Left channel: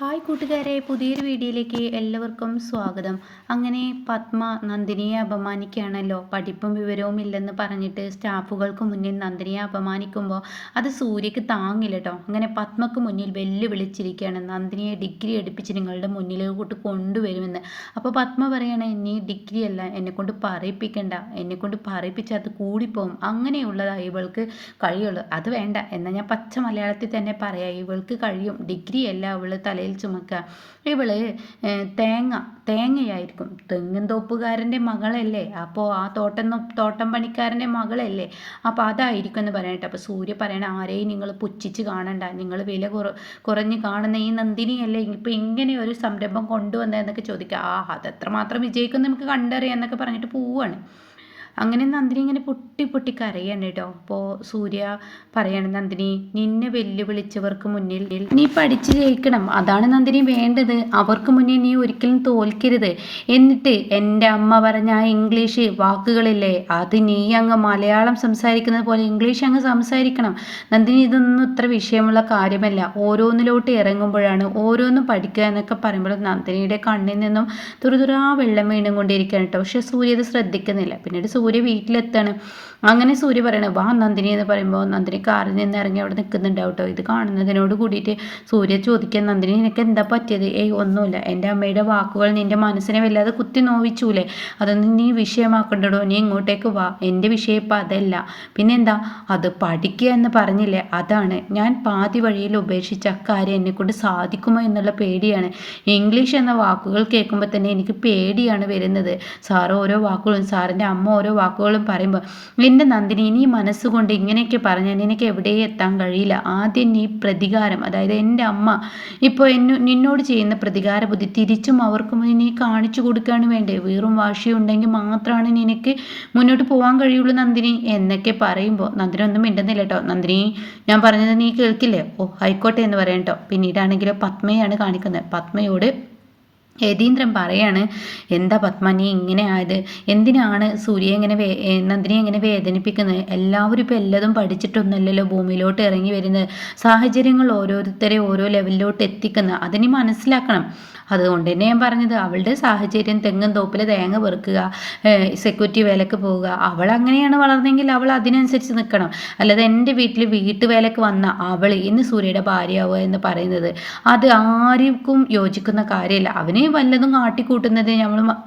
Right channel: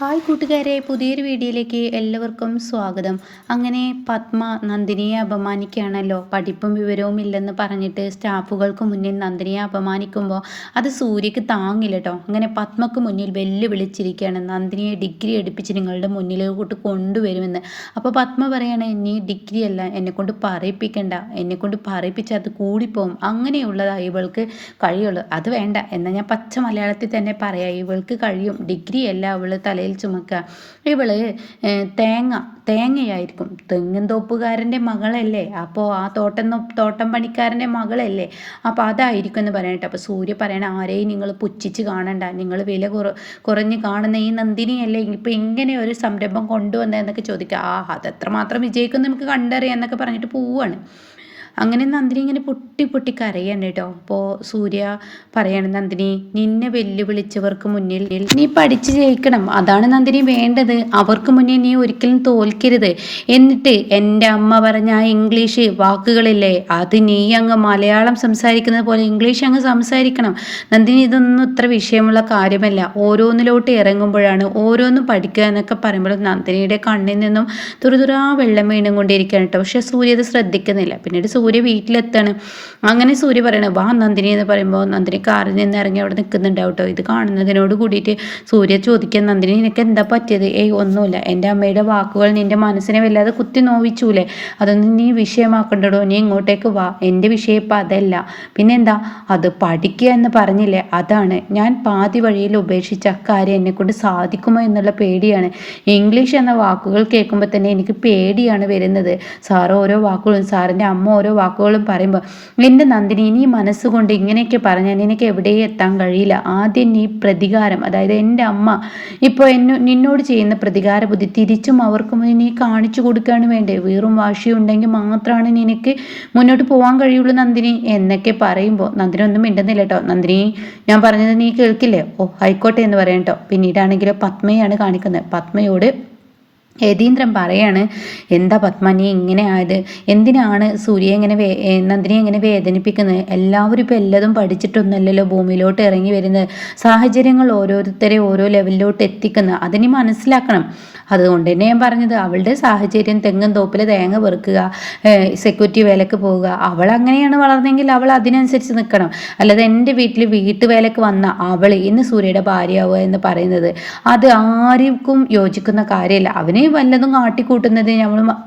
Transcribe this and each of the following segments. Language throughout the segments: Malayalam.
ഹായ് കൂട്ടുകാരെ, പുതിയൊരു വീഡിയോയിലേക്ക് എല്ലാവർക്കും സ്വാഗതം. അങ്ങനെ പത്മ നന്ദിനിയെ അപമാനിക്കുകയാണല്ലോ. പഠിപ്പും വിവരവും ഇല്ലെന്ന് പറഞ്ഞിട്ട് സ്റ്റാഫുകൾക്ക് മുന്നിൽ നന്ദിനിയെ അപമാനിക്കുമ്പോൾ അത് സൂര്യക്ക് താങ്ങില്ല കേട്ടോ. അങ്ങനെ പത്മക്ക് മുന്നിൽ വെല്ലുവിളിച്ചിരിക്കുകയാണ്, നന്ദിനിയെ ഡിഗ്രി എടുപ്പിച്ച് നിങ്ങളുടെ മുന്നിലോട്ട് കൊണ്ടുവരുമെന്ന്. അപ്പോൾ പത്മ പറയാണ്, നീ ഡിഗ്രി അല്ല എന്നെക്കൊണ്ട് പറയിപ്പിക്കണ്ട, എന്നെക്കൊണ്ട് പറയിപ്പിച്ചാൽ അത് കൂടിപ്പോവും, അങ്ങനെയുള്ളതാണ് ഇവൾക്ക് കഴിയുള്ളൂ. അത് വേണ്ട എന്നാൽ ഞാൻ പച്ച മലയാളത്തിൽ തന്നെ പറയാം, ഇവൾക്ക് കഴിയും, ഡിഗ്രി അല്ല അവൾ തലയിൽ ചുമക്കുക. ഇവള് തേങ്ങയായിരിക്കും, തെങ്ങും തോപ്പുകാരൻ്റെ മകളല്ലേ, അപ്പോൾ ആ തോട്ടം പണിക്കാരൻ്റെ മകളല്ലേ, അപ്പോൾ അതായിരിക്കും എന്ന് പറയട്ടെ. അപ്പോൾ സൂര്യ പറയണ, ആരെയും നിങ്ങൾ പുച്ഛിച്ച് കാണണ്ട, നിങ്ങൾ വില കുറഞ്ഞ് കാണുന്ന ഈ നന്ദിനിയല്ലേ ഇപ്പം ഇങ്ങനെ ഒരു സംരംഭം കൊണ്ടുവന്നതെന്നൊക്കെ ചോദിക്കുക. അതെത്രമാത്രം വിജയിക്കും നമുക്ക് കണ്ടറിയാം എന്നൊക്കെ പറഞ്ഞിട്ട് പോവാണ്. അങ്ങനെ നന്ദിനി ഇങ്ങനെ പൊട്ടി പൊട്ടി കരയാണ് കേട്ടോ. അപ്പോൾ സൂര്യ പറയാണ്, നന്ദിനി, നിന്നെ വെല്ലുവിളിച്ചവർക്ക് മുന്നിൽ നീ പഠിച്ച് ജയിക്കണം, അതാണ് നന്ദിനി വേണ്ടത്. അവർക്ക് മുന്നിൽ നീ ഒരിക്കലും തോൽക്കരുത്. എന്നിട്ട് എൻ്റെ അമ്മ പറഞ്ഞ ആ ഇംഗ്ലീഷ് വാക്കുകളില്ലേ, അത് നീ അങ്ങ് മലയാളം സംസാരിക്കുന്നത് പോലെ ഇംഗ്ലീഷ് അങ്ങ് സംസാരിക്കണം. നന്ദിനി, ഇതൊന്നും ഇത്ര വിഷയമുള്ള കാര്യമല്ല. ഓരോന്നിലോട്ട് ഇറങ്ങുമ്പോഴാണ് ഓരോന്നും പഠിക്കുക എന്നൊക്കെ പറയുമ്പോൾ നന്ദിനിയുടെ കണ്ണിൽ നിന്നും തുറുതുറാ വെള്ളം വീണും കൊണ്ടിരിക്കുകയാണ് കേട്ടോ. പക്ഷെ സൂര്യ അത് ശ്രദ്ധിക്കുന്നില്ല. പിന്നീട് സൂര്യ വീട്ടിലെത്താണ്. അങ്ങനെ സൂര്യ പറയണ, വാ നന്ദിനി എന്ന് പറയുമ്പോൾ നന്ദിനി കാറിൽ നിന്ന് ഇറങ്ങി അവിടെ നിൽക്കുന്നുണ്ടാവും കേട്ടോ. ഇത് കാണുന്നതിനോട് കൂടിയിട്ട് സൂര്യ ചോദിക്കാൻ, നന്ദിനി നിനക്ക് എന്താ പറ്റിയത്? ഒന്നുമില്ല, എൻ്റെ അമ്മയുടെ വാക്കുകൾ നിൻ്റെ മനസ്സിനെ വല്ലാതെ കുത്തി നോവിച്ചൂലേ, അതൊന്നും നീ വിഷയമാക്കണ്ടടോ, നീ ഇങ്ങോട്ടേക്ക് വാ, എൻ്റെ വിഷയം ഇപ്പം അതല്ല. പിന്നെന്താ, അത് പഠിക്കുക എന്ന് പറഞ്ഞില്ലേ, അതാണ് ഞാൻ പാതി വഴിയിൽ ഉപേക്ഷിച്ച കാര്യം എന്നെക്കൊണ്ട് സാധിക്കുമോ എന്നുള്ള പേടിയാണ്. ഇംഗ്ലീഷ് എന്ന വാക്കുകൾ കേൾക്കുമ്പോൾ തന്നെ എനിക്ക് പേടിയാണ് വരുന്നത്. സാറ് ഓരോ വാക്കുകളും സാറിൻ്റെ അമ്മ ഓരോ വാക്കുകളും പറയുമ്പോൾ, എൻ്റെ നന്ദിനി, നീ മനസ്സുകൊണ്ട് ഇങ്ങനെയൊക്കെ പറഞ്ഞാൽ നിനക്ക് എവിടെയും എത്താൻ കഴിയില്ല. ആദ്യം നീ പ്രതികാരം, അതായത് എൻ്റെ അമ്മ ഇപ്പോൾ നിന്നോട് ചെയ്യുന്ന പ്രതികാര ബുദ്ധി തിരിച്ചും അവർക്ക് നീ കാണിച്ചു കൊടുക്കുകയാണ് വേണ്ടേ. വീറും വാശിയും ഉണ്ടെങ്കിൽ മാത്രമാണ് നിനക്ക് മുന്നോട്ട് പോകാൻ കഴിയുള്ളൂ നന്ദിനി എന്നൊക്കെ പറയുമ്പോൾ നന്ദിനി ഒന്നും മിണ്ടുന്നില്ല കേട്ടോ. നന്ദിനി, ഞാൻ പറഞ്ഞത് നീ കേൾക്കില്ലേ? ആയിക്കോട്ടെ എന്ന് പറയാം കേട്ടോ. പിന്നീടാണെങ്കിൽ പത്മയാണ് കാണിക്കുന്നത്. പത്മയോട് യതീന്ദ്രൻ പറയാണ്, എന്താ പത്മ നീ ഇങ്ങനെ ആയത്? എന്തിനാണ് സൂര്യയെ ഇങ്ങനെ നന്ദിനിയെ ഇങ്ങനെ വേദനിപ്പിക്കുന്നത്? എല്ലാവരും ഇപ്പം എല്ലതും പഠിച്ചിട്ടൊന്നല്ലല്ലോ ഭൂമിയിലോട്ട് ഇറങ്ങി വരുന്നത്. സാഹചര്യങ്ങൾ ഓരോരുത്തരെ ഓരോ ലെവലിലോട്ട് എത്തിക്കുന്നത്, അതിന് മനസ്സിലാക്കണം. അതുകൊണ്ട് തന്നെ ഞാൻ പറഞ്ഞത്, അവളുടെ സാഹചര്യം തെങ്ങും തോപ്പിൽ തേങ്ങ പെറുക്കുക, സെക്യൂരിറ്റി വേലക്ക് പോവുക, അവൾ അങ്ങനെയാണ് വളർന്നെങ്കിൽ അവൾ അതിനനുസരിച്ച് നിൽക്കണം. അല്ലാതെ എൻ്റെ വീട്ടിൽ വീട്ടുവേലക്ക് വന്ന അവൾ ഇന്ന് സൂര്യയുടെ ഭാര്യയാവുക എന്ന് പറയുന്നത് അത് ആർക്കും യോജിക്കുന്ന കാര്യമല്ല. അവന് വല്ലതും കാട്ടിക്കൂട്ടുന്നത്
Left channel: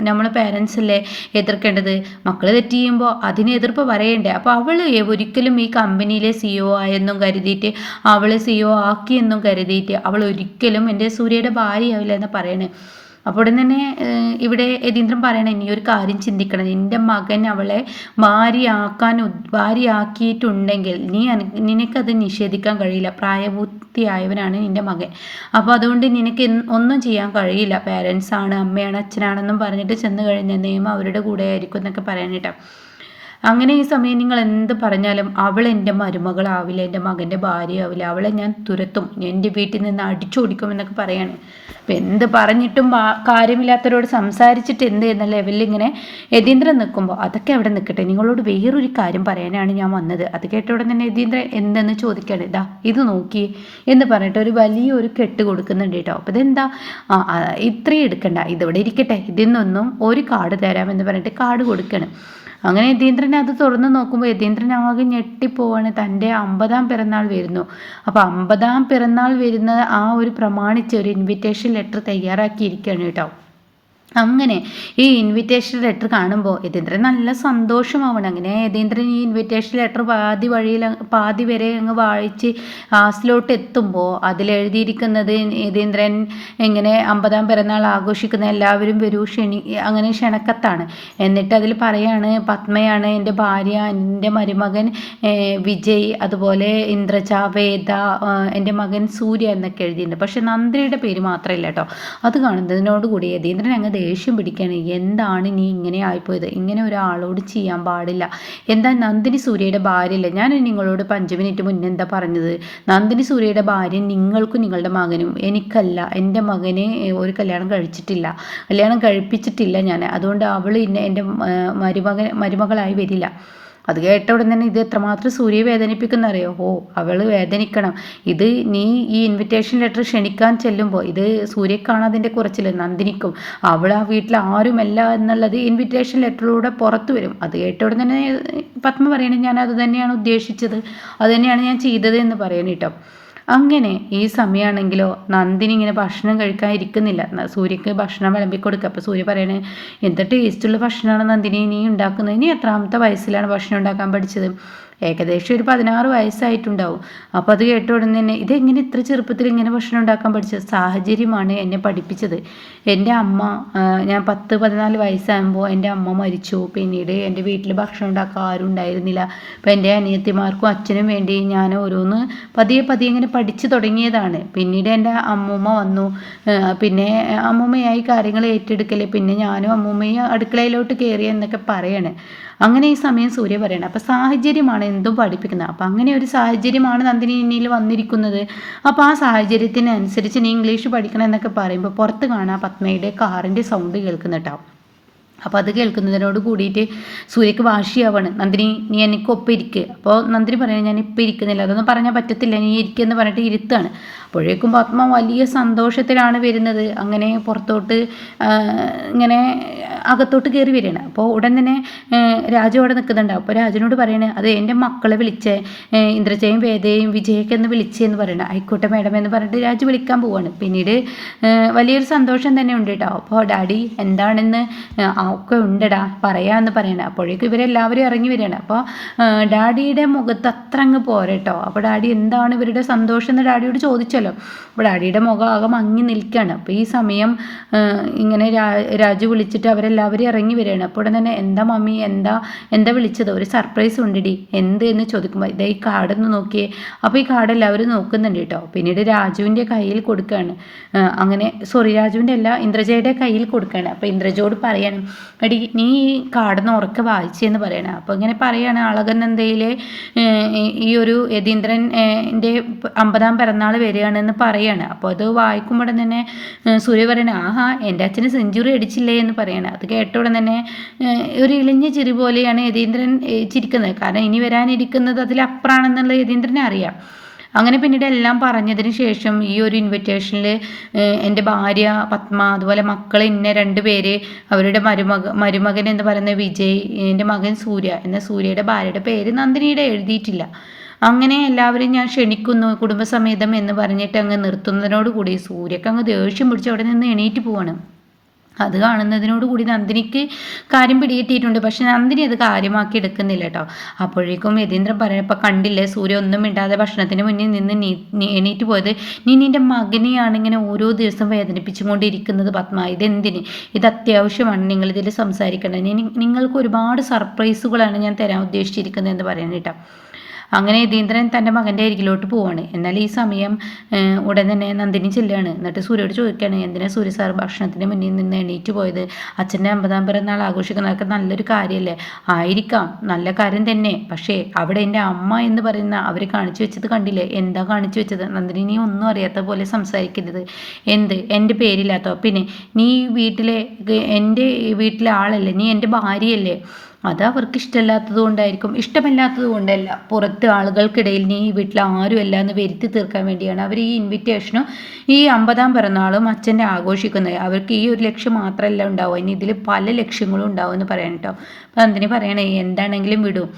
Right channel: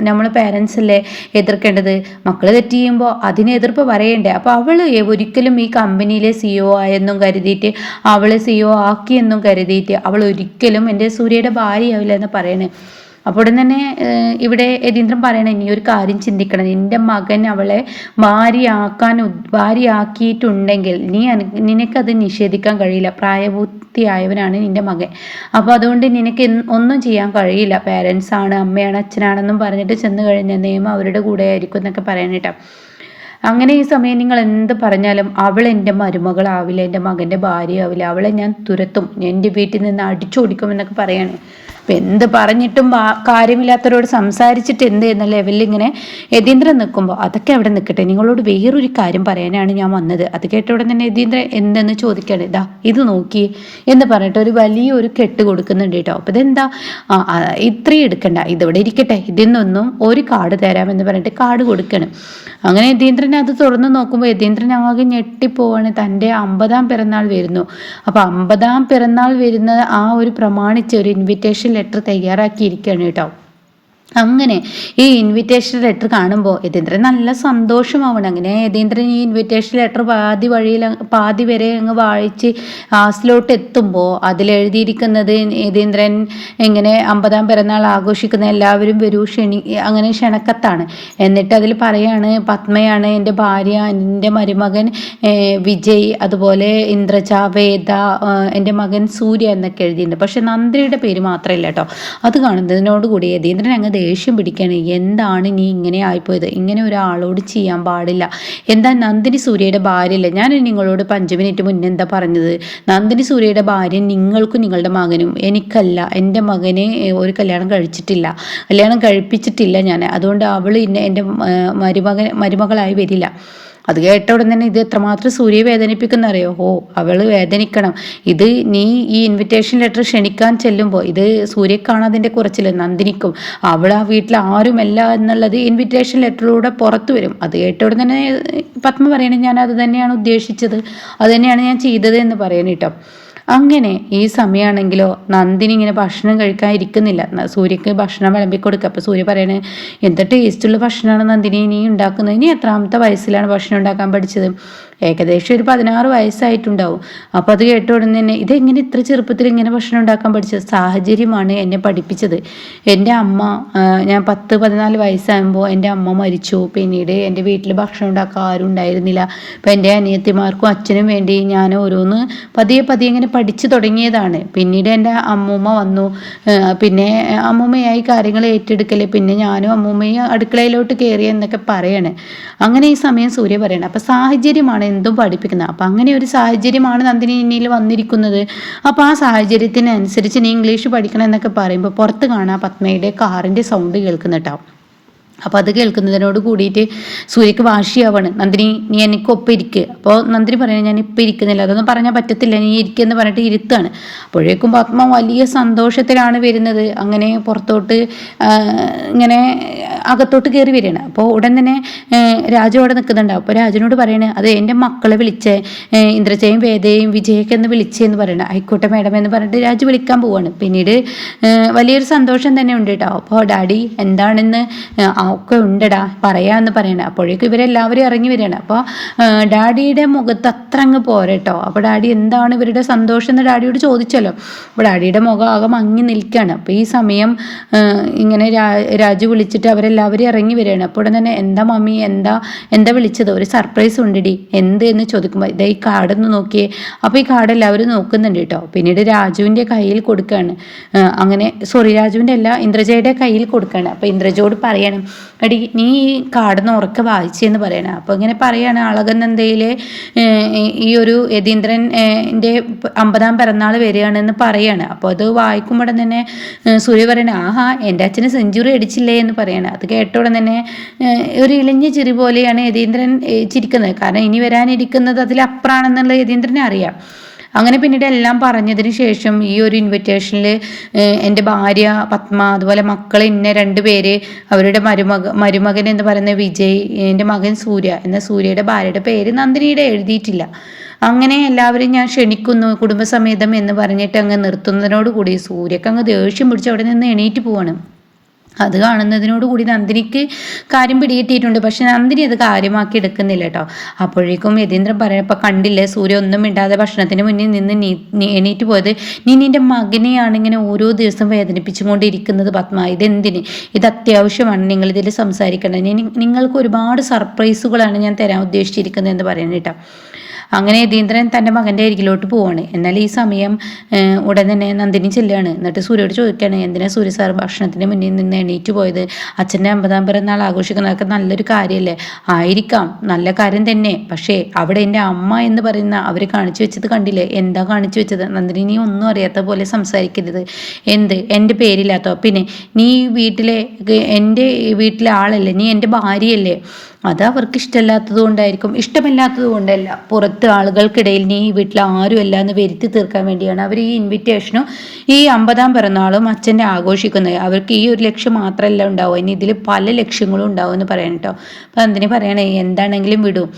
നമ്മൾ പേരൻസ് അല്ലേ എതിർക്കേണ്ടത്. മക്കൾ തെറ്റ് ചെയ്യുമ്പോൾ അതിന് എതിർപ്പ് പറയണ്ടേ. അപ്പോൾ അവൾ ഒരിക്കലും ഈ കമ്പനിയിലെ CEO ആയെന്നും കരുതിയിട്ട്, അവളെ CEO ആക്കിയെന്നും കരുതിയിട്ട് അവൾ ഒരിക്കലും എൻ്റെ സൂര്യയുടെ ഭാര്യയാവില്ല എന്ന് പറയണേ. അപ്പോൾ തന്നെ ഇവിടെ യതീന്ദ്രൻ പറയണ, ഇനി ഒരു കാര്യം ചിന്തിക്കണം, നിന്റെ മകൻ അവളെ ഭാര്യയാക്കിയിട്ടുണ്ടെങ്കിൽ നിനക്കത് നിഷേധിക്കാൻ കഴിയില്ല. പ്രായപൂർത്തിയായവനാണ് നിന്റെ മകൻ. അപ്പോൾ അതുകൊണ്ട് നിനക്ക് ഒന്നും ചെയ്യാൻ കഴിയില്ല. പേരൻസ് ആണ്, അമ്മയാണ്, അച്ഛനാണെന്നും പറഞ്ഞിട്ട് ചെന്ന് കഴിഞ്ഞാൽ നിയമം അവരുടെ കൂടെ ആയിരിക്കും എന്നൊക്കെ പറയാനിട്ടാ. അങ്ങനെ ഈ സമയം നിങ്ങൾ എന്ത് പറഞ്ഞാലും അവൾ എൻ്റെ മരുമകളാവില്ല, എൻ്റെ മകൻ്റെ ഭാര്യയാവില്ല, അവളെ ഞാൻ തുരത്തും, എൻ്റെ വീട്ടിൽ നിന്ന് അടിച്ചോടിക്കും എന്നൊക്കെ പറയാണ്. അപ്പം എന്ത് പറഞ്ഞിട്ടും കാര്യമില്ലാത്തവരോട് സംസാരിച്ചിട്ട് എന്ത് എന്ന ലെവലിൽ ഇങ്ങനെ യതീന്ദ്രൻ നിൽക്കുമ്പോൾ, അതൊക്കെ അവിടെ നിൽക്കട്ടെ, നിങ്ങളോട് വേറൊരു കാര്യം പറയാനാണ് ഞാൻ വന്നത്. അത് കേട്ട ഉടൻ തന്നെ യതീന്ദ്രൻ എന്തെന്ന് ചോദിക്കുകയാണ്. ഇതാ ഇത് നോക്കി എന്ന് പറഞ്ഞിട്ട് ഒരു വലിയൊരു കെട്ട് കൊടുക്കുന്നുണ്ട് കേട്ടോ. അപ്പം ഇതെന്താ, ഇത്രയും എടുക്കണ്ട, ഇതിവിടെ ഇരിക്കട്ടെ, ഇതിൽ നിന്നും ഒരു കാർഡ് തരാമെന്ന് പറഞ്ഞിട്ട് കാർഡ് കൊടുക്കണം. അങ്ങനെ യതീന്ദ്രൻ അത് തുറന്നു നോക്കുമ്പോൾ യതീന്ദ്രൻ ആകെ ഞെട്ടിപ്പോവാണ്. തൻ്റെ 50-ാം പിറന്നാൾ വരുന്നു. അപ്പോൾ 50-ാം പിറന്നാൾ വരുന്ന ആ ഒരു പ്രമാണിച്ച് ഒരു ഇൻവിറ്റേഷൻ ലെറ്റർ തയ്യാറാക്കിയിരിക്കുകയാണ് കേട്ടോ. അങ്ങനെ ഈ ഇൻവിറ്റേഷൻ ലെറ്റർ കാണുമ്പോൾ യതീന്ദ്രൻ നല്ല സന്തോഷമാവണം. അങ്ങനെ യതീന്ദ്രൻ ഈ ഇൻവിറ്റേഷൻ ലെറ്റർ പാതി വരെ അങ്ങ് വായിച്ച് ലാസ്റ്റിലോട്ട് എത്തുമ്പോൾ അതിലെഴുതിയിരിക്കുന്നത്, യതീന്ദ്രൻ ഇങ്ങനെ 50-ാം പിറന്നാൾ ആഘോഷിക്കുന്ന എല്ലാവരും വരൂ അങ്ങനെ ക്ഷണക്കത്താണ്. എന്നിട്ട് അതിൽ പറയാണ്, പത്മയാണ് എൻ്റെ ഭാര്യ, എൻ്റെ മരുമകൻ വിജയ്, അതുപോലെ ഇന്ദ്രജ, വേദ, എൻ്റെ മകൻ സൂര്യ എന്നൊക്കെ എഴുതിയിട്ടുണ്ട്. പക്ഷെ നന്ദിനിയുടെ പേര് മാത്രമല്ല കേട്ടോ. അത് കാണുന്നതിനോടുകൂടി യതീന്ദ്രൻ അങ്ങ് ദേഷ്യം പിടിക്കുകയാണ്. എന്താണ് നീ ഇങ്ങനെ ആയിപ്പോയത്? ഇങ്ങനെ ഒരാളോട് ചെയ്യാൻ പാടില്ല. എന്താ, നന്ദിനി സൂര്യയുടെ ഭാര്യയല്ല? ഞാൻ നിങ്ങളോട് 5 മിനിറ്റ് മുന്നേ എന്താ പറഞ്ഞത്? നന്ദിനി സൂര്യയുടെ ഭാര്യ നിങ്ങൾക്കും നിങ്ങളുടെ മകനും, എനിക്കല്ല. എൻ്റെ മകനെ ഒരു കല്യാണം കഴിപ്പിച്ചിട്ടില്ല ഞാൻ. അതുകൊണ്ട് അവൾ എൻ്റെ മരുമകളായി വരില്ല. അത് കേട്ട ഉടൻ തന്നെ ഇത് എത്രമാത്രം സൂര്യയെ വേദനിപ്പിക്കുന്ന അറിയോ? ഓ, അവള് വേദനിക്കണം. ഇത് നീ ഈ ഇൻവിറ്റേഷൻ ലെറ്റർ ക്ഷണിക്കാൻ ചെല്ലുമ്പോൾ ഇത് സൂര്യ കാണാതിൻ്റെ കുറച്ചില്ല നന്ദിനിക്കും അവൾ ആ വീട്ടിൽ ആരുമല്ല എന്നുള്ളത് ഇൻവിറ്റേഷൻ ലെറ്ററിലൂടെ പുറത്തു വരും. അത് കേട്ട ഉടൻ തന്നെ പത്മ പറയണേ ഞാൻ അത് തന്നെയാണ് ഉദ്ദേശിച്ചത്, അത് തന്നെയാണ് ഞാൻ ചെയ്തത് എന്ന് പറയണ കേട്ടോ. അങ്ങനെ ഈ സമയമാണെങ്കിലോ നന്ദിനി ഇങ്ങനെ ഭക്ഷണം കഴിക്കാൻ ഇരിക്കുന്നില്ല. സൂര്യക്ക് ഭക്ഷണം വിളമ്പി കൊടുക്കുക. അപ്പോൾ സൂര്യ പറയണേ എന്ത് ടേസ്റ്റുള്ള ഭക്ഷണമാണ് നന്ദിനി നീ ഉണ്ടാക്കുന്നത്, നീ എത്രാമത്തെ വയസ്സിലാണ് ഭക്ഷണം ഉണ്ടാക്കാൻ പഠിച്ചത്? ഏകദേശം ഒരു 16 വയസ്സായിട്ടുണ്ടാവും. അപ്പോൾ അത് കേട്ട ഉടനെ തന്നെ ഇതെങ്ങനെ ഇത്ര ചെറുപ്പത്തിൽ ഇങ്ങനെ ഭക്ഷണം ഉണ്ടാക്കാൻ പഠിച്ചത്? സാഹചര്യമാണ് എന്നെ പഠിപ്പിച്ചത്. എൻ്റെ അമ്മ ഞാൻ 10-14 വയസ്സാകുമ്പോൾ എൻ്റെ അമ്മ മരിച്ചു. പിന്നീട് എൻ്റെ വീട്ടിൽ ഭക്ഷണം ഉണ്ടാക്കാൻ ആരും ഉണ്ടായിരുന്നില്ല. അപ്പം എൻ്റെ അനിയത്തിമാർക്കും അച്ഛനും വേണ്ടി ഞാൻ ഓരോന്ന് പതിയെ പതിയെ ഇങ്ങനെ പഠിച്ചു തുടങ്ങിയതാണ്. പിന്നീട് എൻ്റെ അമ്മൂമ്മ വന്നു. പിന്നെ അമ്മൂമ്മയായി കാര്യങ്ങൾ ഏറ്റെടുക്കൽ, പിന്നെ ഞാനും അമ്മൂമ്മയും അടുക്കളയിലോട്ട് കയറി എന്നൊക്കെ പറയാണ്. അങ്ങനെ ഈ സമയം സൂര്യ പറയണം അപ്പം സാഹചര്യമാണ് എന്തും പഠിപ്പിക്കുന്നത്. അപ്പം അങ്ങനെ ഒരു സാഹചര്യമാണ് നന്ദിനി ഇന്നിയിൽ വന്നിരിക്കുന്നത്. അപ്പോൾ ആ സാഹചര്യത്തിനനുസരിച്ച് നീ ഇംഗ്ലീഷ് പഠിക്കണം എന്നൊക്കെ പറയുമ്പോൾ പുറത്ത് കാണാം പത്മയുടെ കാറിൻ്റെ സൗണ്ട് കേൾക്കുന്നുണ്ടാവും. അപ്പോൾ അത് കേൾക്കുന്നതിനോട് കൂടിയിട്ട് സൂര്യക്ക് വാശിയാവാണ്. നന്ദിനി നീ എനിക്കൊപ്പം ഇരിക്കുക. അപ്പോൾ നന്ദിനി പറയുന്നത് ഞാൻ ഇപ്പം ഇരിക്കുന്നില്ല, അതൊന്നും പറഞ്ഞാൽ പറ്റത്തില്ല, നീ ഇരിക്കുമെന്ന് പറഞ്ഞിട്ട് ഇരുത്താണ്. അപ്പോഴേക്കും പത്മ വലിയ സന്തോഷത്തിലാണ് വരുന്നത്. അങ്ങനെ പുറത്തോട്ട് ഇങ്ങനെ അകത്തോട്ട് കയറി വരികയാണ്. അപ്പോൾ ഉടൻ തന്നെ രാജു അവിടെ നിൽക്കുന്നുണ്ടാവും. അപ്പോൾ രാജുവിനോട് പറയണേ അത് എൻ്റെ മക്കളെ വിളിച്ചേ, ഇന്ദ്രജയും വേദയും വിജയൊക്കെ എന്ന് വിളിച്ചെന്ന് പറയണം. ആയിക്കോട്ടെ മാഡം എന്ന് പറഞ്ഞിട്ട് രാജു വിളിക്കാൻ പോവാണ്. പിന്നീട് വലിയൊരു സന്തോഷം തന്നെ ഉണ്ട് കേട്ടോ. അപ്പോൾ ഡാഡി എന്താണെന്ന് ഒക്കെ ഉണ്ടടാ പറയാമെന്ന് പറയണേ. അപ്പോഴേക്കും ഇവരെല്ലാവരും ഇറങ്ങി വരികയാണ്. അപ്പോൾ ഡാഡിയുടെ മുഖത്ത് അത്ര അങ്ങ് പോരട്ടോ. അപ്പോൾ ഡാഡി എന്താണ് ഇവരുടെ സന്തോഷം എന്ന് ഡാഡിയോട് ചോദിച്ചല്ലോ. അപ്പോൾ ഡാഡിയുടെ മുഖം ആകെ മങ്ങി നിൽക്കുകയാണ്. അപ്പോൾ ഈ സമയം ഇങ്ങനെ രാജു വിളിച്ചിട്ട് അവരെല്ലാവരും ഇറങ്ങി വരികയാണ്. അപ്പോൾ ഉടൻ തന്നെ എന്താ മമ്മി എന്താ വിളിച്ചത്, ഒരു സർപ്രൈസ് ഉണ്ടടി എന്ത് എന്ന് ചോദിക്കുമ്പോൾ ഇതാ ഈ കാർഡൊന്ന് നോക്കിയേ. അപ്പോൾ ഈ കാർഡ് എല്ലാവരും നോക്കുന്നുണ്ട് കേട്ടോ. പിന്നീട് രാജുവിൻ്റെ കയ്യിൽ കൊടുക്കുകയാണ്. അങ്ങനെ രാജുവിൻ്റെ അല്ല ഇന്ദ്രജയുടെ കയ്യിൽ കൊടുക്കുകയാണ്. അപ്പോൾ ഇന്ദ്രജയോട് പറയണം എടി നീ ഈ കാർഡൊന്ന് ഉറക്കെ വായിച്ചെന്ന് പറയണം. അപ്പോൾ ഇങ്ങനെ പറയാണ് അളകനന്ദയിലെ ഈ ഒരു യതീന്ദ്രൻ്റെ 50-ാം പിറന്നാൾ വരികയാണെന്ന് പറയാണ്. അപ്പോൾ അത് വായിക്കുമ്പോൾ തന്നെ സൂര്യ പറയണേ ആഹാ എൻ്റെ അച്ഛന് സെഞ്ചുറി അടിച്ചില്ലേ എന്ന് പറയണം. അത് കേട്ടോടെ തന്നെ ഒരു ഇളിഞ്ഞ ചിരി പോലെയാണ് യതീന്ദ്രൻ ചിരിക്കുന്നത്. കാരണം ഇനി വരാനിരിക്കുന്നത് അതിലപ്പുറമാണെന്നുള്ള യതീന്ദ്രനെ അറിയാം. അങ്ങനെ പിന്നീട് എല്ലാം പറഞ്ഞതിന് ശേഷം ഈ ഒരു ഇൻവിറ്റേഷനിൽ എൻ്റെ ഭാര്യ പത്മ, അതുപോലെ മക്കൾ ഇന്ന 2 പേര്, അവരുടെ മരുമകൻ എന്ന് പറയുന്ന വിജയ്, എൻ്റെ മകൻ സൂര്യ എന്ന സൂര്യയുടെ ഭാര്യയുടെ പേര് നന്ദിനിയുടെ എഴുതിയിട്ടില്ല. അങ്ങനെ എല്ലാവരും ഞാൻ ക്ഷണിക്കുന്നു കുടുംബസമേതം എന്ന് പറഞ്ഞിട്ട് അങ്ങ് നിർത്തുന്നതിനോട് കൂടി സൂര്യക്ക് അങ്ങ് ദേഷ്യം പിടിച്ച് അവിടെ നിന്ന് എണീറ്റ് പോവാണ്. അത് കാണുന്നതിനോട് കൂടി നന്ദിനിക്ക് കാര്യം പിടികിട്ടിയിട്ടുണ്ട്. പക്ഷെ നന്ദിനി അത് കാര്യമാക്കി എടുക്കുന്നില്ല കേട്ടോ. അപ്പോഴേക്കും യതീന്ദ്രൻ പറയപ്പോൾ കണ്ടില്ലേ സൂര്യ ഒന്നും മിണ്ടാതെ ഭക്ഷണത്തിന് മുന്നിൽ നിന്ന് എണീറ്റ് പോയത്, നീ നിൻ്റെ മകനെയാണ് ഇങ്ങനെ ഓരോ ദിവസം വേദനിപ്പിച്ചുകൊണ്ടിരിക്കുന്നത് പത്മ, ഇതെന്തിന്, ഇത് അത്യാവശ്യമാണ് നിങ്ങളിതിൽ സംസാരിക്കേണ്ടത്, നിങ്ങൾക്ക് ഒരുപാട് സർപ്രൈസുകളാണ് ഞാൻ തരാൻ ഉദ്ദേശിച്ചിരിക്കുന്നത് എന്ന് പറയുന്നത് കേട്ടോ. അങ്ങനെ യതീന്ദ്രൻ തൻ്റെ മകൻ്റെ അരികിലോട്ട് പോവാണ്. എന്നാൽ ഈ സമയം ഉടൻ തന്നെ നന്ദിനി ചെല്ലുകയാണ്. എന്നിട്ട് സൂര്യയോട് ചോദിക്കുകയാണ് എന്തിനാ സൂര്യ സാർ ഭക്ഷണത്തിന് മുന്നിൽ നിന്ന് എണീറ്റ് പോയത്, അച്ഛൻ്റെ 50-ാം പിറന്നാൾ ആഘോഷിക്കുന്നതൊക്കെ നല്ലൊരു കാര്യമല്ലേ? ആയിരിക്കാം, നല്ല കാര്യം തന്നെ. പക്ഷേ അവിടെ എൻ്റെ അമ്മ എന്ന് പറയുന്ന അവർ കാണിച്ചു വെച്ചത് കണ്ടില്ലേ, എന്താ കാണിച്ചു വെച്ചത്? നന്ദിനി നീ ഒന്നും അറിയാത്ത പോലെ സംസാരിക്കരുത്. എൻ്റെ പേരില്ലാത്തോ? പിന്നെ നീ എൻ്റെ വീട്ടിലെ ആളല്ലേ, നീ എൻ്റെ ഭാര്യയല്ലേ? അത് അവർക്ക് ഇഷ്ടമല്ലാത്തത് കൊണ്ടായിരിക്കും. ഇഷ്ടമല്ലാത്തത് കൊണ്ടല്ല, പുറത്ത് ആളുകൾക്കിടയിൽ നീ ഈ വീട്ടിൽ ആരുമല്ല എന്ന് വരുത്തി തീർക്കാൻ വേണ്ടിയാണ് അവർ ഈ ഇൻവിറ്റേഷനും ഈ 50-ാം പിറന്നാളും അച്ഛൻ്റെ ആഘോഷിക്കുന്നത്. അവർക്ക് ഈ ഒരു ലക്ഷ്യം മാത്രമല്ല ഉണ്ടാവും, ഇനി ഇതിൽ പല ലക്ഷ്യങ്ങളും ഉണ്ടാവും എന്ന് പറയണം കേട്ടോ. അപ്പം എന്തിനു പറയണേ, എന്താണെങ്കിലും വിടും,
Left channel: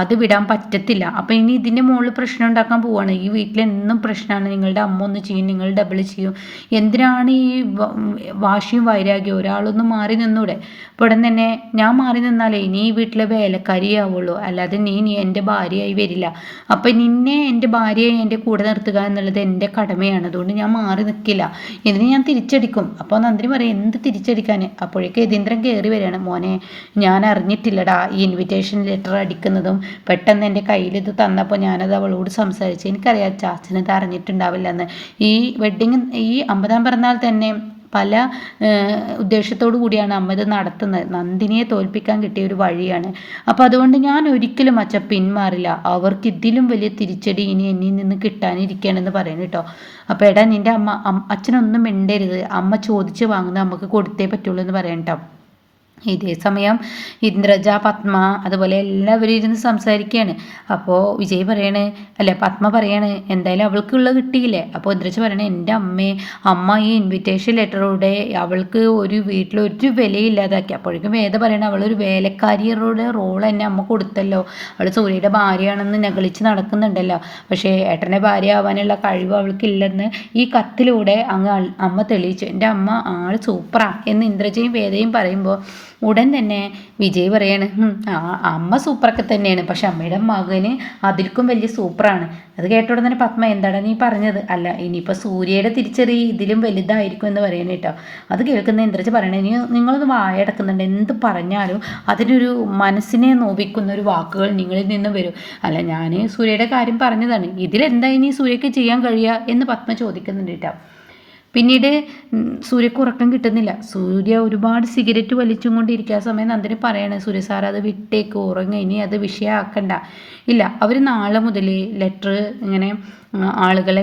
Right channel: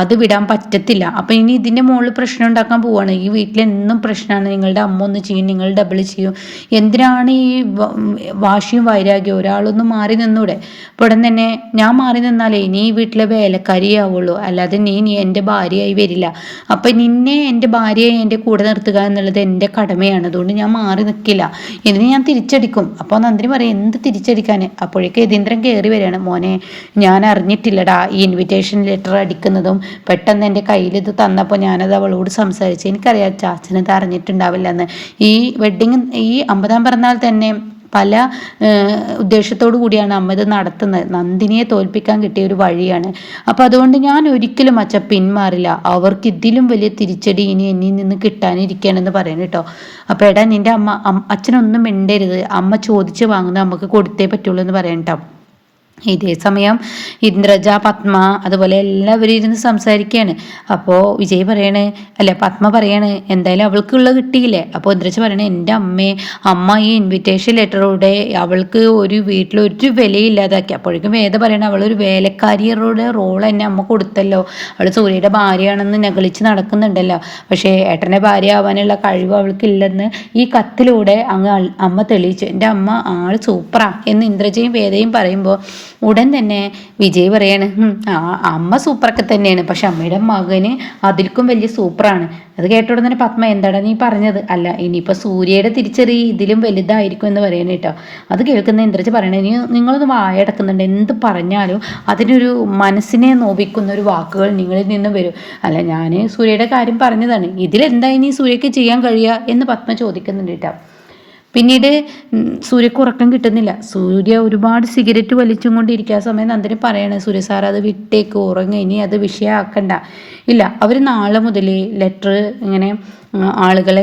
അത് വിടാൻ പറ്റത്തില്ല. അപ്പം ഇനി ഇതിൻ്റെ മുകളിൽ പ്രശ്നം ഉണ്ടാക്കാൻ പോവുകയാണ്. ഈ വീട്ടിലെന്നും പ്രശ്നമാണ്, നിങ്ങളുടെ അമ്മ ഒന്ന് ചെയ്യും, നിങ്ങൾ ഡബിൾ ചെയ്യും, എന്തിനാണ് ഈ വാശിയും വൈരാഗ്യവും? ഒരാളൊന്നും മാറി നിന്നൂടെ? അപ്പോൾ ഉടൻ തന്നെ ഞാൻ മാറി നിന്നാലേ നീ ഈ വീട്ടിലെ വേലക്കാരിയാവുള്ളൂ, അല്ലാതെ നീ എൻ്റെ ഭാര്യയായി വരില്ല. അപ്പം നിന്നെ എൻ്റെ ഭാര്യയായി എൻ്റെ കൂടെ നിർത്തുക എന്നുള്ളത് എൻ്റെ കടമയാണ്, അതുകൊണ്ട് ഞാൻ മാറി നിൽക്കില്ല, ഇതിന് ഞാൻ തിരിച്ചടിക്കും. അപ്പോൾ നന്ദിനി പറയും എന്ത് തിരിച്ചടിക്കാൻ? അപ്പോഴേക്ക് യതീന്ദ്രൻ കയറി വരികയാണ്. മോനെ ഞാൻ അറിഞ്ഞിട്ടില്ലടാ ഈ ഇൻവിറ്റേഷൻ ലെറ്റർ അടിക്കുന്നതും, പെട്ടെന്ന് എൻ്റെ കയ്യിൽ ഇത് തന്നപ്പോൾ ഞാനത് അവളോട് സംസാരിച്ചു, എനിക്കറിയാം ചാച്ചനത് അറിഞ്ഞിട്ടുണ്ടാവില്ല എന്ന്. ഈ വെഡ്ഡിങ് ഈ 50-ാം പിറന്നാൾ തന്നെ പല ഉദ്ദേശത്തോടു കൂടിയാണ് അമ്മ ഇത് നടത്തുന്നത്, നന്ദിനിയെ തോൽപ്പിക്കാൻ കിട്ടിയ ഒരു വഴിയാണ്. അപ്പം അതുകൊണ്ട് ഞാൻ ഒരിക്കലും അച്ഛൻ പിന്മാറില്ല, അവർക്ക് ഇതിലും വലിയ തിരിച്ചടി ഇനി എന്നിൽ നിന്ന് കിട്ടാനിരിക്കുകയാണെന്ന് പറയണം കേട്ടോ. അപ്പോൾ എടാ നിൻ്റെ അച്ഛനൊന്നും മിണ്ടരുത്, അമ്മ ചോദിച്ച് വാങ്ങുന്നത് അമ്മക്ക് കൊടുത്തേ പറ്റുള്ളൂ എന്ന് പറയണം കേട്ടോ. ഇതേ സമയം ഇന്ദ്രജ, പത്മ അതുപോലെ എല്ലാവരും ഇരുന്ന് സംസാരിക്കുകയാണ്. അപ്പോൾ വിജയ് പറയണേ, അല്ല പത്മ പറയാണ്, എന്തായാലും അവൾക്കുള്ളത് കിട്ടിയില്ലേ. അപ്പോൾ ഇന്ദ്രജ പറയണേ, എൻ്റെ അമ്മ ഈ ഇൻവിറ്റേഷൻ ലെറ്ററോടെ അവൾക്ക് ഒരു വീട്ടിലൊരു വിലയില്ലാതാക്കി. അപ്പോഴേക്കും വേദ പറയണ, അവളൊരു വേലക്കാരിയുടെ റോൾ തന്നെ അമ്മ കൊടുത്തല്ലോ, അവൾ സൂര്യയുടെ ഭാര്യയാണെന്ന് ഞകളിച്ച് നടക്കുന്നുണ്ടല്ലോ, പക്ഷേ ഏട്ടൻ്റെ ഭാര്യ ആവാനുള്ള കഴിവ് അവൾക്കില്ലെന്ന് ഈ കത്തിലൂടെ അമ്മ തെളിയിച്ചു. എൻ്റെ അമ്മ ആൾ സൂപ്പറാ എന്ന് ഇന്ദ്രജയും വേദയും പറയുമ്പോൾ ഉടൻ തന്നെ വിജയ് പറയാണ്, അമ്മ സൂപ്പറൊക്കെ തന്നെയാണ്, പക്ഷെ അമ്മയുടെ മകന് അതിൽക്കും വലിയ സൂപ്പറാണ്. അത് കേട്ട ഉടൻ തന്നെ പത്മ, എന്താണ് നീ പറഞ്ഞത്? അല്ല, ഇനിയിപ്പോൾ സൂര്യയുടെ തിരിച്ചറി ഇതിലും വലുതായിരിക്കും എന്ന് പറയണ കേട്ടോ. അത് കേൾക്കുന്ന ഇന്ദ്രജ പറയണേ, നിങ്ങളൊന്ന് വായടക്കുന്നുണ്ട്, എന്ത് പറഞ്ഞാലും അതിനൊരു മനസ്സിനെ നോവിക്കുന്ന ഒരു വാക്കുകൾ നിങ്ങളിൽ നിന്ന് വരും. അല്ല, ഞാൻ സൂര്യയുടെ കാര്യം പറഞ്ഞതാണ്, ഇതിലെന്താ ഇനി സൂര്യക്ക് ചെയ്യാൻ കഴിയുക എന്ന് പത്മ ചോദിക്കുന്നുണ്ട് കേട്ടോ. പിന്നീട് സൂര്യക്ക് ഉറക്കം കിട്ടുന്നില്ല. സൂര്യ ഒരുപാട് സിഗരറ്റ് വലിച്ചും കൊണ്ടിരിക്കുക. ആ സമയം നന്ദിനി പറയണേ, സൂര്യ സാർ അത് വിട്ടേക്ക്, ഉറങ്ങ, ഇനി അത് വിഷയമാക്കണ്ട. ഇല്ല, അവർ നാളെ മുതൽ ലെറ്റർ ഇങ്ങനെ ആളുകളെ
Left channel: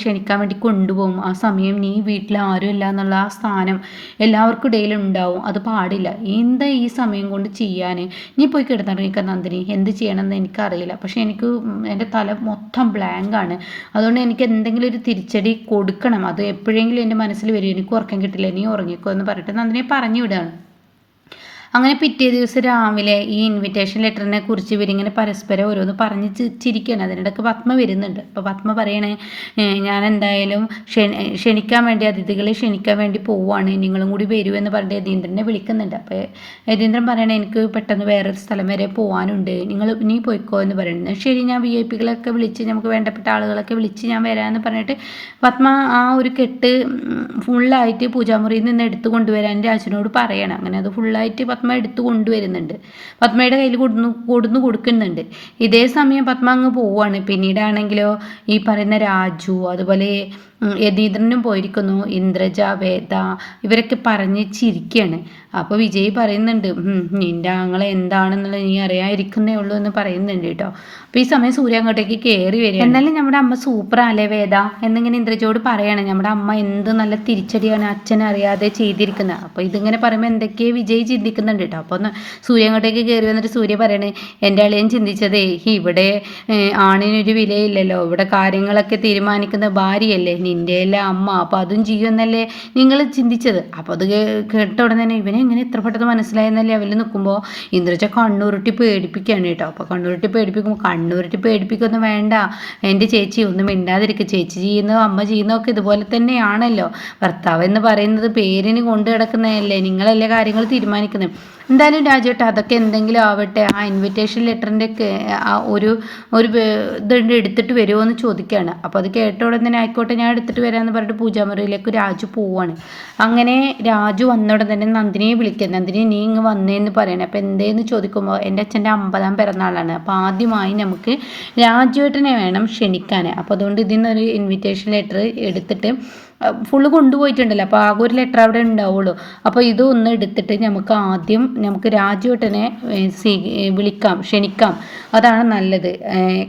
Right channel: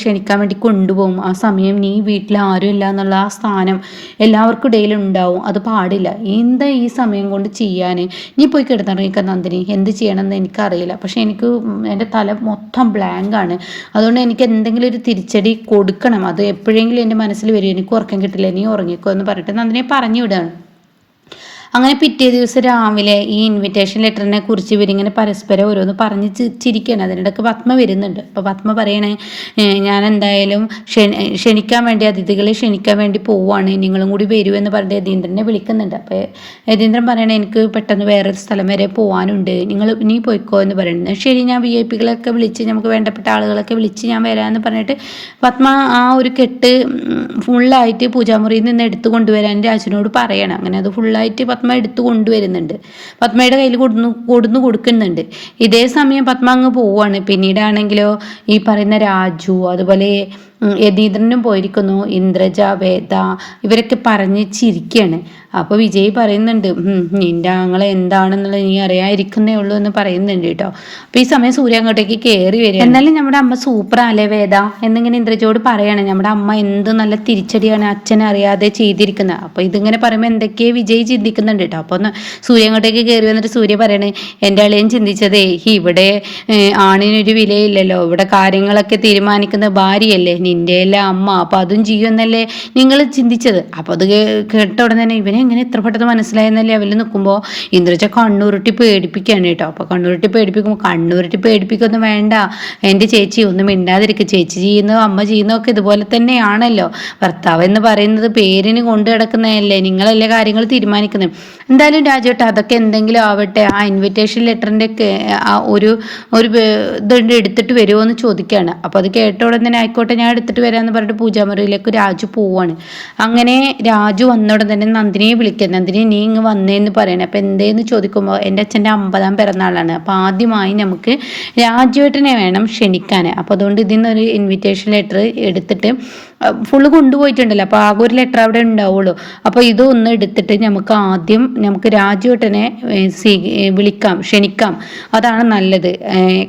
ക്ഷണിക്കാൻ വേണ്ടി കൊണ്ടുപോകും. ആ സമയം നീ വീട്ടിൽ ആരും ഇല്ല എന്നുള്ള ആ സ്ഥാനം എല്ലാവർക്കും ഇടയിൽ ഉണ്ടാവും. അത് പാടില്ല. എന്താ ഈ സമയം കൊണ്ട് ചെയ്യാൻ? നീ പോയി കിടന്നിറങ്ങിക്ക നന്ദിനി, എന്ത് ചെയ്യണമെന്ന് എനിക്കറിയില്ല, പക്ഷെ എനിക്ക് എൻ്റെ തല മൊത്തം ബ്ലാങ്കാണ്. അതുകൊണ്ട് എനിക്ക് എന്തെങ്കിലും ഒരു തിരിച്ചടി കൊടുക്കണം. അത് എപ്പോഴെങ്കിലും എൻ്റെ മനസ്സിൽ വരും, എനിക്ക് ഉറക്കം കിട്ടില്ല, നീ ഉറങ്ങിക്കോ എന്ന് പറഞ്ഞിട്ട് നന്ദിനിയെ പറഞ്ഞു വിടുകയാണ്. അങ്ങനെ പിറ്റേ ദിവസം രാവിലെ ഈ ഇൻവിറ്റേഷൻ ലെറ്ററിനെ കുറിച്ച് ഇവരിങ്ങനെ പരസ്പരം ഓരോന്ന് പറഞ്ഞ് ചിരിക്കുകയാണ്. അതിനിടയ്ക്ക് പത്മ വരുന്നുണ്ട്. അപ്പോൾ പത്മ പറയണേ, ഞാൻ എന്തായാലും ക്ഷണിക്കാൻ വേണ്ടി, അതിഥികളെ ക്ഷണിക്കാൻ വേണ്ടി പോവുകയാണ്, നിങ്ങളും കൂടി വരുമെന്ന് പറഞ്ഞിട്ട് യതീന്ദ്രനെ വിളിക്കുന്നുണ്ട്. അപ്പോൾ യതീന്ദ്രൻ പറയണേ, എനിക്ക് പെട്ടെന്ന് വേറൊരു സ്ഥലം വരെ പോകാനുണ്ട്, നീ പോയിക്കോ എന്ന് പറയുന്നത്. ശരി, ഞാൻ VIP വിളിച്ച്, നമുക്ക് വേണ്ടപ്പെട്ട ആളുകളൊക്കെ വിളിച്ച് ഞാൻ വരാമെന്ന് പറഞ്ഞിട്ട് പത്മ ആ ഒരു കെട്ട് ഫുള്ളായിട്ട് പൂജാമുറിയിൽ നിന്ന് എടുത്തു കൊണ്ടുവരാൻ രാജുവിനോട് പറയണം. അങ്ങനെ അത് ഫുള്ളായിട്ട് പത്മ എടുത്തു കൊണ്ടുവരുന്നുണ്ട്. പത്മയുടെ കയ്യിൽ കൊടുക്കുന്നുണ്ട്. ഇതേ സമയം പത്മ അങ്ങ് പോവാണ്. പിന്നീടാണെങ്കിലോ ഈ പറയുന്ന രാജു, അതുപോലെ യതീന്ദ്രനും പോയിരിക്കുന്നു, ഇന്ദ്രജ, വേദ ഇവരൊക്കെ പറഞ്ഞ് ചിരിക്കുകയാണ്. അപ്പോൾ വിജയ് പറയുന്നുണ്ട്, നിന്റെ ആങ്ങളെ എന്താണെന്നുള്ളത് നീ അറിയാതിരിക്കുന്നേ ഉള്ളൂ എന്ന് പറയുന്നുണ്ട് കേട്ടോ. അപ്പോൾ ഈ സമയം സൂര്യ അങ്ങോട്ടേക്ക് കയറി വരിക. എന്നാലും നമ്മുടെ അമ്മ സൂപ്പറല്ലേ വേദ എന്നിങ്ങനെ ഇന്ദ്രജയോട് പറയണം. നമ്മുടെ അമ്മ എന്ത് നല്ല തിരിച്ചടിയാണ് അച്ഛനെ അറിയാതെ ചെയ്തിരിക്കുന്നത്. അപ്പോൾ ഇതിങ്ങനെ പറയുമ്പോൾ എന്തൊക്കെയോ വിജയ് ചിന്തിക്കുന്നുണ്ട് കേട്ടോ. അപ്പോൾ ഒന്ന് സൂര്യ അങ്ങോട്ടേക്ക് കയറി വന്നിട്ട് സൂര്യ പറയണേ, എൻ്റെ അളിയൻ ചിന്തിച്ചതേ, ഇവിടെ ആണിനൊരു വിലയില്ലല്ലോ, ഇവിടെ കാര്യങ്ങളൊക്കെ തീരുമാനിക്കുന്ന ഭാര്യയല്ലേ നിന്റെ എല്ലാം അമ്മ, അപ്പോൾ അതും ചെയ്യുമെന്നല്ലേ നിങ്ങൾ ചിന്തിച്ചത്. അപ്പോൾ അത് കേട്ട ഉടനെ തന്നെ ഇവനെ എങ്ങനെ ഇത്ര പെട്ടെന്ന് മനസ്സിലായെന്നല്ലേ അവരിൽ നിൽക്കുമ്പോൾ ഇന്ദ്രജ കണ്ണുരുട്ടി പേടിപ്പിക്കുകയാണ് കേട്ടോ. അപ്പോൾ കണ്ണുരുട്ടി പേടിപ്പിക്കൊന്നും വേണ്ട എൻ്റെ ചേച്ചി, ഒന്നും മിണ്ടാതിരിക്കുക. ചേച്ചി ചെയ്യുന്നതോ അമ്മ ചെയ്യുന്നതോ ഒക്കെ ഇതുപോലെ തന്നെയാണല്ലോ. ഭർത്താവ് എന്ന് പറയുന്നത് പേരിന് കൊണ്ടു കിടക്കുന്നതല്ലേ, നിങ്ങളല്ലേ കാര്യങ്ങൾ തീരുമാനിക്കുന്നത്. എന്തായാലും രാജുവേട്ട, അതൊക്കെ എന്തെങ്കിലും ആവട്ടെ, ആ ഇൻവിറ്റേഷൻ ലെറ്ററിൻ്റെ ആ ഒരു ഇതുണ്ട്, എടുത്തിട്ട് വരുമോ എന്ന് ചോദിക്കുകയാണ്. അപ്പോൾ അത് കേട്ട ഉടനെ തന്നെ ആയിക്കോട്ടെ ഞാൻ എടുത്തിട്ട് വരാമെന്ന് പറഞ്ഞിട്ട് പൂജാമുറിയിലേക്ക് രാജു പോവാണ്. അങ്ങനെ രാജു വന്ന ഉടൻ തന്നെ നന്ദിനിയെ വിളിക്കുക. നന്ദിനി, നീ ഇങ്ങ് വന്നേന്ന് പറയണേ. അപ്പോൾ എന്തേന്ന് ചോദിക്കുമ്പോൾ എൻ്റെ അച്ഛൻ്റെ 50ാം പിറന്നാളാണ്, അപ്പോൾ ആദ്യമായി നമുക്ക് രാജുവേട്ടനെ വേണം ക്ഷണിക്കാൻ. അപ്പോൾ അതുകൊണ്ട് ഇതിൽ നിന്നൊരു ഇൻവിറ്റേഷൻ ലെറ്റർ എടുത്തിട്ട് ഫുള്ള് കൊണ്ടുപോയിട്ടുണ്ടല്ലോ, അപ്പോൾ ആകെ ഒരു ലെറ്റർ അവിടെ ഉണ്ടാവുള്ളൂ. അപ്പോൾ ഇതൊന്ന് എടുത്തിട്ട് നമുക്ക് രാജുവേട്ടനെ ക്ഷണിക്കാം, അതാണ് നല്ലത്.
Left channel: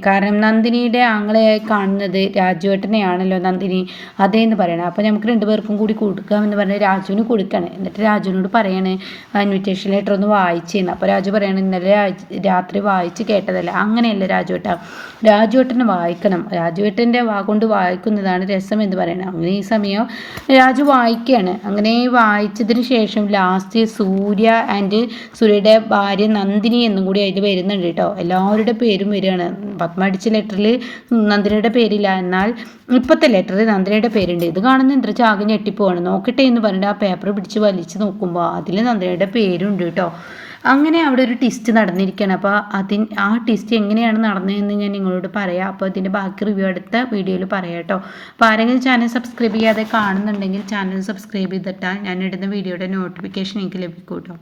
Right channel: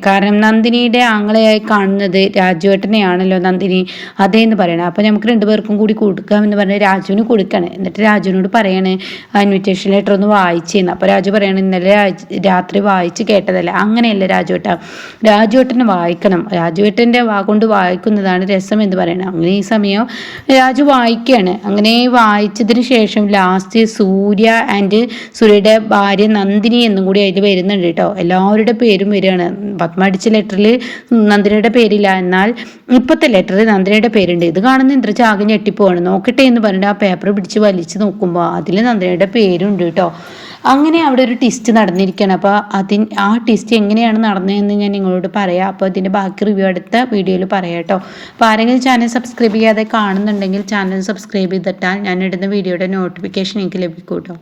കാരണം നന്ദിനിയുടെ ആങ്ങളെയായി കാണുന്നത് രാജുവേട്ടനെയാണല്ലോ നന്ദിനി, അതേന്ന് പറയണം. അപ്പോൾ നമുക്ക് 2 പേർക്കും കൂടി കൊടുക്കാമെന്ന് പറഞ്ഞ് രാജുവിന് കൊടുക്കുകയാണ്. എന്നിട്ട് രാജുവിനോട് പറയാണ്, ഇൻവിറ്റേഷൻ ലെറ്റർ ഒന്ന് വായിച്ചെന്ന്. അപ്പോൾ രാജു പറയാണ്, ഇന്നലെ രാത്രി വായിച്ച് കേട്ടതല്ല. അങ്ങനെയല്ല രാജുവേട്ടന് വായിക്കണം, രാജുവേട്ടൻ്റെ കൊണ്ട് വായിക്കുന്നതാണ് രസം എന്ന് പറയണം. അങ്ങനെ ഈ സമയം രാജു വായിക്കുകയാണ്. അങ്ങനെ വായിച്ചതിന് ശേഷം ലാസ്റ്റ് സൂര്യ ആൻഡ് സൂര്യയുടെ ഭാര്യ നന്ദിനി എന്നും കൂടി അതിൽ വരുന്നുണ്ട് കേട്ടോ. എല്ലാവരുടെ പേരും വരികയാണ്. പത്മ അടിച്ച ലെറ്ററിൽ നന്ദിനിയുടെ പേരില്ല, എന്നാൽ ഇപ്പോഴത്തെ ലെറ്ററിൽ നന്ദിനിയുടെ പേരുണ്ട്. ഇത് കാണുന്ന ഇന്ദ്രജ ആകെ ഞെട്ടിപ്പോവാണ്. നോക്കട്ടെ എന്ന് പറഞ്ഞിട്ട് ആ പേപ്പർ പിടിച്ച് വലിച്ച് നോക്കുമ്പോൾ അതിൽ നന്ദിനിയുടെ പേരുണ്ട് കേട്ടോ. അങ്ങനെ അവിടെ ഒരു ടെസ്റ്റ് നടന്നിരിക്കുകയാണ്. അപ്പോൾ ആ ടെസ്റ്റ് എങ്ങനെയാണ് നടന്നതെന്ന് ഞാൻ നിങ്ങളോട് പറയാം. അപ്പോൾ ഇതിൻ്റെ ബാക്കി റിവ്യൂ അടുത്ത വീഡിയോയിൽ പറയാം കേട്ടോ. അപ്പോൾ ആരെങ്കിലും ചാനൽ സബ്സ്ക്രൈബ് ചെയ്യാതെ കാണുന്നുണ്ടെങ്കിൽ ചാനൽ സബ്സ്ക്രൈബ് ചെയ്തിട്ടാൽ ഞാൻ ഇടുന്ന വീഡിയോയുടെ നോട്ടിഫിക്കേഷൻ എനിക്ക് ലഭിക്കും കേട്ടോ.